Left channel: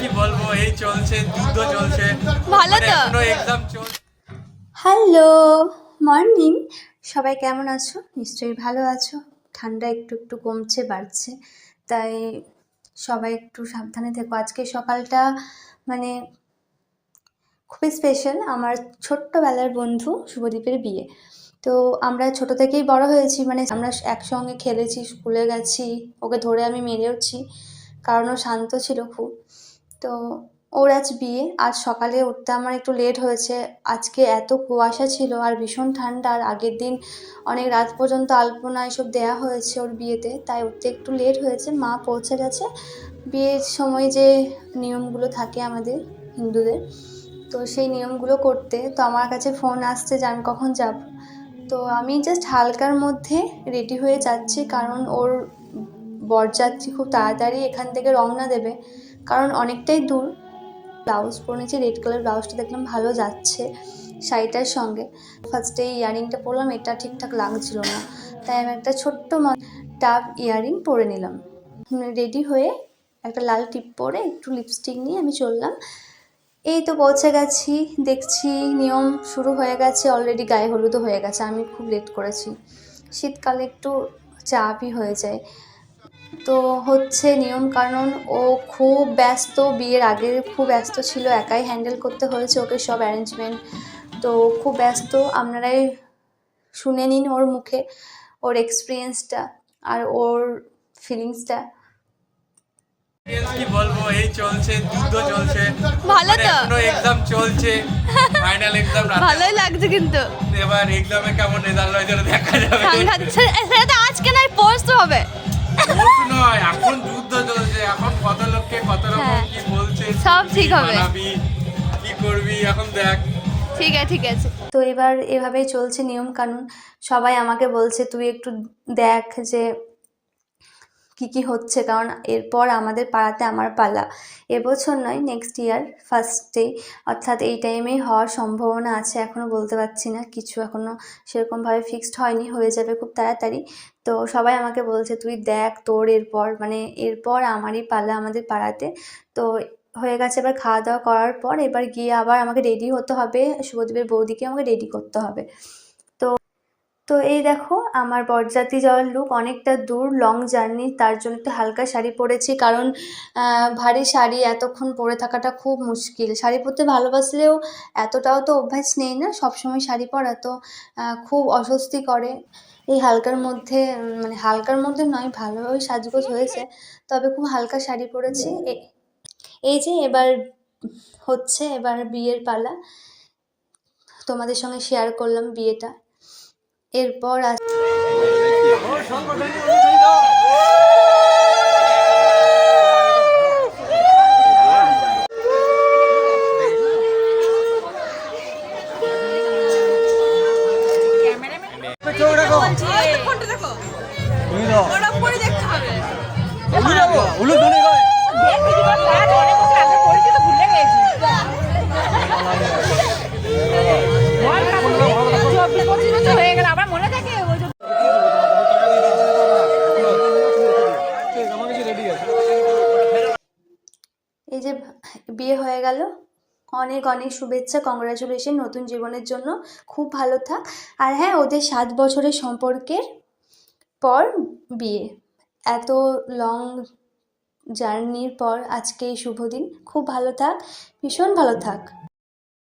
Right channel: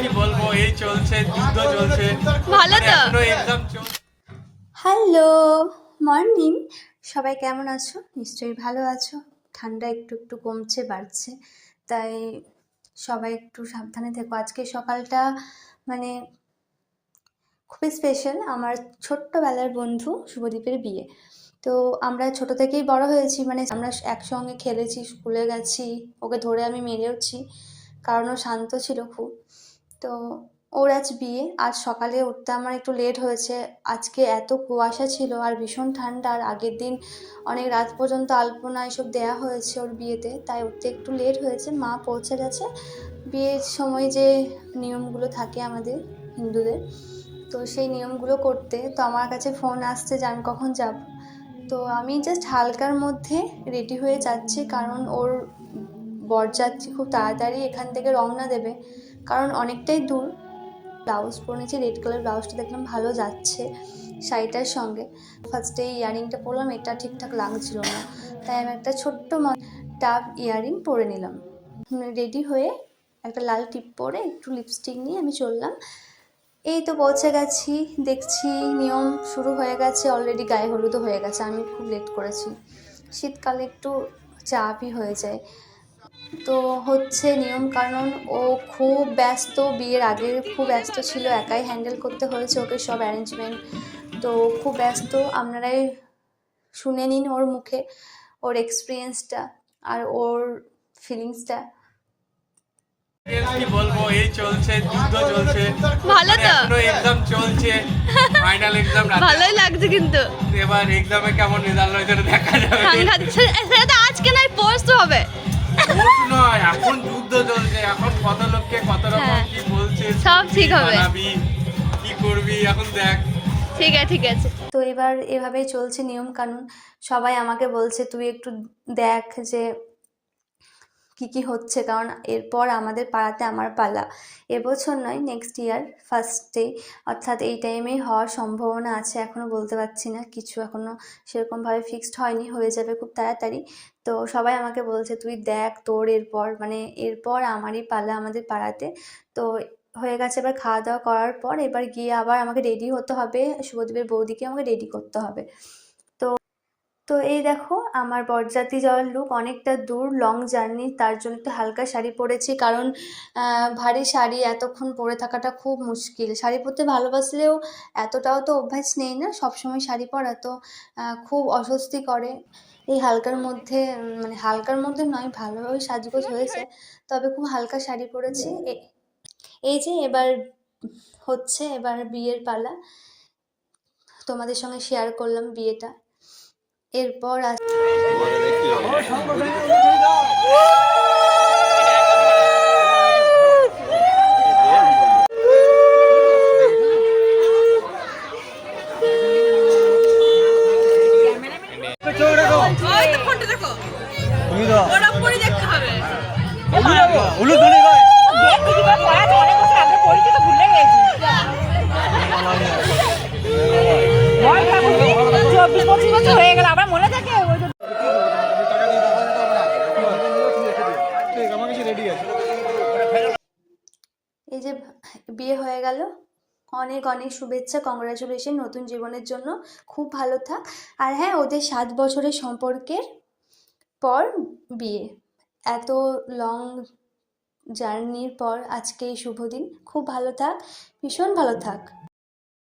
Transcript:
কি বলব এই চলছে যুদ্ধ চলছে। ভালো তো? এখনও এক্সাম চলছে হ্যালো মর্নিং। সবাই কেমন আছো? নিশ্চয়ই ভালো আছো। ঠান্ডা একটু একটু কমছে বাড়ছে। তাই সবাই একটু সাবধানে থেকো। আজকে সকালটা মানে খুবই স্পেশাল আমার ছোট্টবেলার বন্ধু শুভদীপের বিয়ে। তো আমরা ছোট থেকেই বড় হয়েছি। মানে আমরা একসঙ্গে খেলেছি স্কুলে গেছি। ওকে ধরে আমি মেরেওছি। কারণ ও শান্ত ছিল খুব। তো ওর আজ বিয়ে। আজ সকালে উঠতে আমার একটু লেট হয়েছে। আজকে এত কুয়াশা ছিল আর ভীষণ ঠান্ডা। আর আগের দিন অনেক রাত পর্যন্ত আলপনা এসব দেওয়া হয়েছে ওর বিয়েতে। তাই উঠতে একটু লেট হয়েছে। মা পৌঁছে গেছে। বিয়ের সময় যে নিয়মগুলো থাকে আমাদের হিন্দুদের, তো সেই নিয়মগুলো করতে। তো আমার কাছে ফোন আসছে আমি কখন যাব। তো আমি জাস্ট হালকার মধ্যে রেডি হয়ে যাচ্ছি। কারণ ওর বরযাত্রী খুব তাড়াতাড়ি এখান থেকে রওনা দেবে। কারণ অনেকটাই দূর। ব্লাউজ পরে পরেছি রেড কালার ব্লাউজটা দেখলাম ভালো যাচ্ছে শাড়িটার সঙ্গে। ফার্স্টে ইয়ারিংটা পরলাম, এটা ঠিকঠাক লাগছিল না। তাই আমি একটা ছোট্ট টাপ ইয়ারিং পরে নিলাম। রেডি হয়ে একটা লাল টিপ পরে একটু লিপস্টিক নিয়ে আমি চললাম। এই তো পৌঁছে গেছি, দেখছি নিয়ম শুরু হয়ে গেছে অলরেডি গায়ে হলুদও হয়ে গেছে, আমি খুব লেট করেছি। শীতকালে একটু চাপই হয়ে যায়। তো হচ্ছে নিয়ম কারণ ও খুব ব্যস্ত বিয়ের আগে খুব ব্যস্ত ছিল একাই হ্যান্ডেল করতে হয়েছে ওকে সব অ্যারেঞ্জমেন্ট তো খুব ব্যস্ত আপনারাই শুনে নিন ওর মুখে ওর এক্সপিরিয়েন্সটা আর ওর ফিলিংসটা কি বলব এই চলছে যুদ্ধ চলছে। ভালো তো? এখনও এক্সাম চলছে ফাইনাল এক্সাম ভালোই লাগছে কিন্তু। এবার এক্সামে কেমন রেজাল্ট হয় সেটা দেখা যাবে। সাংঘাতিক। সব ঠিক হবে। কি করবি এখন দেখ। ঠিক আছে ঠিক আছে। তো এবার এভাবেই চলছে নিয়ম কানুন। সবাই আমাকে বলছে তুই একটু দেখ যে কি কি হচ্ছে কারণ এরপর আমাদের পাড়াতে আমার পালা। এবছর নয় নেক্সট ইয়ার ফার্স্টেই অর্থাৎ এই টাইমেই হওয়ার সম্ভাবনা আছে এখনও বলতে পারছি না। কিছু এখনও সেরকমভাবে ফিক্সড হয়নি হয়ে যাবে খুব তাড়াতাড়ি। তো সবাই আমাকে বলছে তুই দেখ তোর এরপর। মানে এরপর আমারই পালা আমাদের পাড়াতে। তো হয়ে গেছে। এবার খাওয়া দাওয়া করার পর এবার গিয়ে আবার আমাকে রেডি হতে হবে। শুভদীপের বৌদিকে আমাকে রেডি করতে হবে। তো তো এই দেখো আমার বরযাত্রী যাওয়ার লুক অনেকটা দূর লং জার্নি তার জন্য একটু হালকা শাড়ি পরেছি। কারণ ভারী শাড়ি এতক্ষণ পরে থাকাটা খুব মুশকিল। শাড়ি পরতে ভালোবাসলেও এতটাও তো অভ্যাস নেই না, সবসময় শাড়ি পরা তো খুব অস্বস্তি করে। এই হালকার মধ্যে মানে হালকার মধ্যে নয় ভালোভাবে সাজগোজ হয়েছে। তবে খুব হালকা শাড়ি পরেছি। এই যে এবার হচ্ছে এবার বিয়ের পালা তোমাদের সঙ্গে শেয়ার করলাম বিয়েটা এরপর আস এই যে বিয়ে হয়ে গেল। অনেক অনেক শুভেচ্ছা কংগ্রাচুলেশন নতুন জীবনের জন্য। খুব ভালো থাক। আর হ্যাঁ ওদের সাত বছরের সম্পর্কের পর বিয়ে। এত লং জার্নির পর আজকে এই শুভ দিন। খুব ভালো থাক ভীষণ ভালো থাক।